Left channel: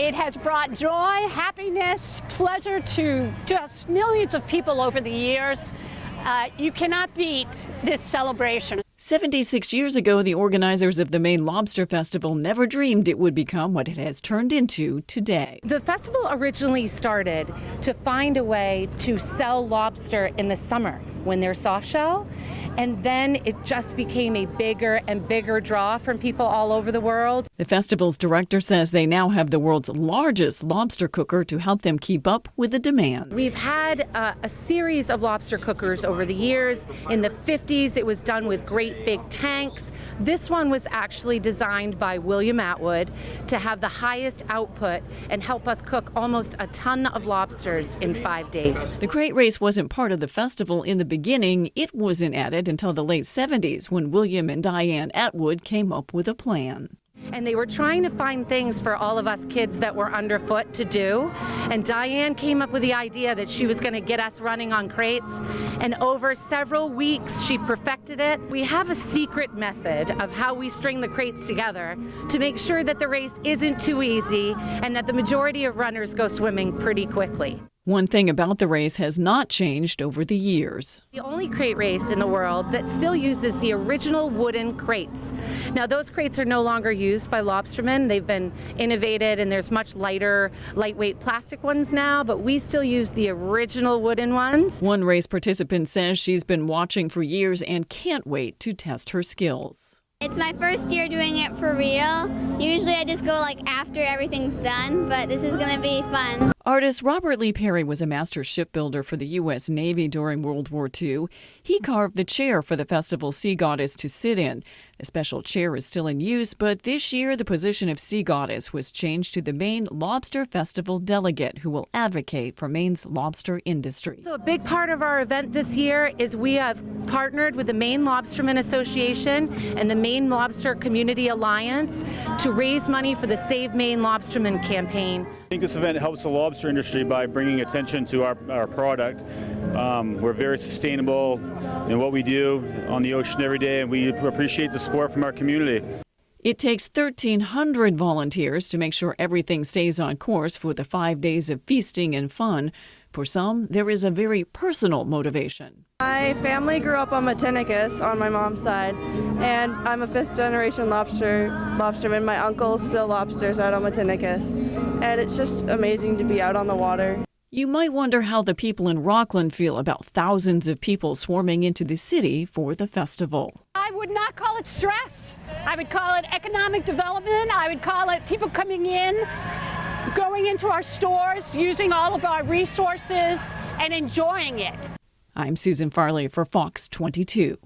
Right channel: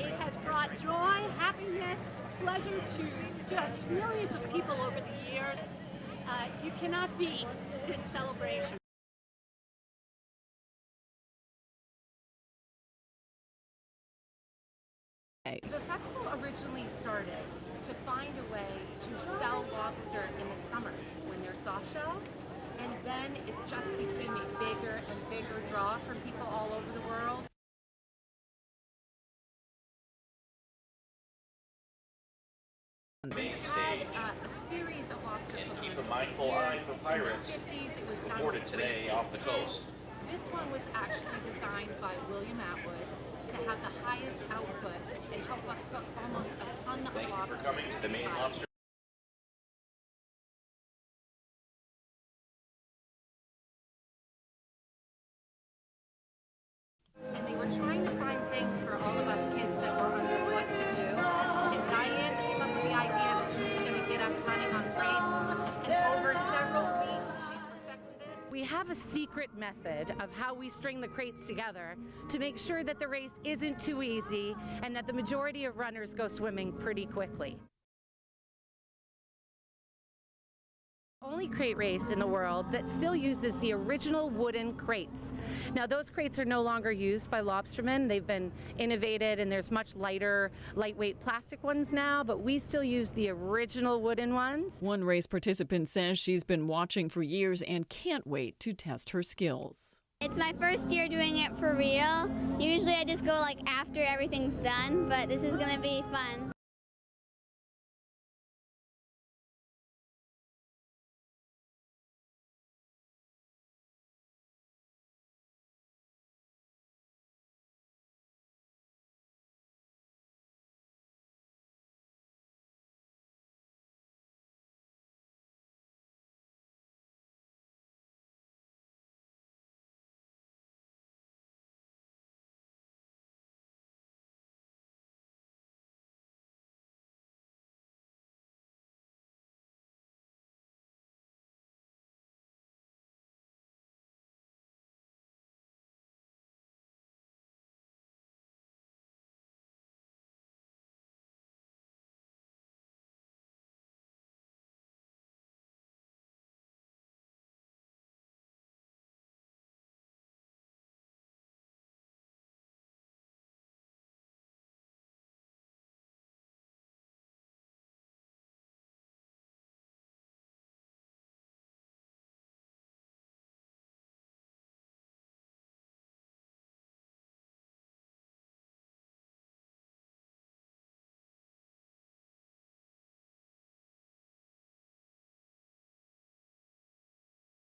It has brought joy, happiness, pleasure to just millions of people over the years. You cannot beat this celebration. 76 years ago, the organizers of the Maine Lobster Festival never dreamed it would become what it has turned into today. The festival originally started to find a way to sell lobster in the summer when they're soft shell, and then it just became a bigger and bigger draw from people all over the world. The festival's director says they now have the world's largest lobster cooker to help them keep up with the demand. We've had a series of lobster cookers over the years. In the 50s, it was done with great big tanks. This one was actually designed by William Atwood to have the highest output and help us cook almost a ton of lobsters in 5 days. The crate race wasn't part of the festival in the beginning. It wasn't added until the late 70s when William and Diane Atwood came up with a plan. And they were trying to find things for all of us kids that were underfoot to do. And Diane came up with the idea that she was going to get us running on crates. And over several weeks, she perfected it. We have a secret method of how we string the crates together to make sure that the race isn't too easy and that the majority of runners go swimming pretty quickly. One thing about the race has not changed over the years. The only crate race in the world that still uses the original wooden crates. Now, those crates are no longer used by lobstermen. They've been innovated and there's much lighter, lightweight plastic ones now, but we still use the original wooden ones. One race participant says she's been watching for years and can't wait to test her skills. It's my first year doing it for real. Usually I just go after everything's done, but this is going to be fun. Artist Robert Lee Perry was a master shipbuilder for the U.S. Navy during World War II. He carved the chair for the festival sea goddess to sit in. The special chair is still in use, but this year the position of sea goddess was changed to the Maine Lobster Festival delegate, who will advocate for Maine's lobster industry. So a big part of our event this year is we have partnered with the Maine Lobsterman Association and the Maine Lobster Community Alliance to raise money for the Save Maine Lobsterman campaign. I think this event helps the lobster industry by bringing attention to our product. We're very sustainable in what we do on the ocean every day, and we appreciate the support from our community. It takes 1,300 volunteers to make sure everything stays on course for the 5 days of feasting and fun. For some, there is a very personal motivation. My family grew up on Matinicus on my mom's side, and I'm a fifth-generation lobsterman. My uncle still lobsters out on Matinicus, and it's just amazing to be out on the water. You might wonder how the people in Rockland feel about thousands of people swarming into the city for the festival. I would not call it stress. I would call it economic development. I would call it people coming in, going into our stores, using all of our resources, and enjoying it. I'm Susan Farley for Fox 22.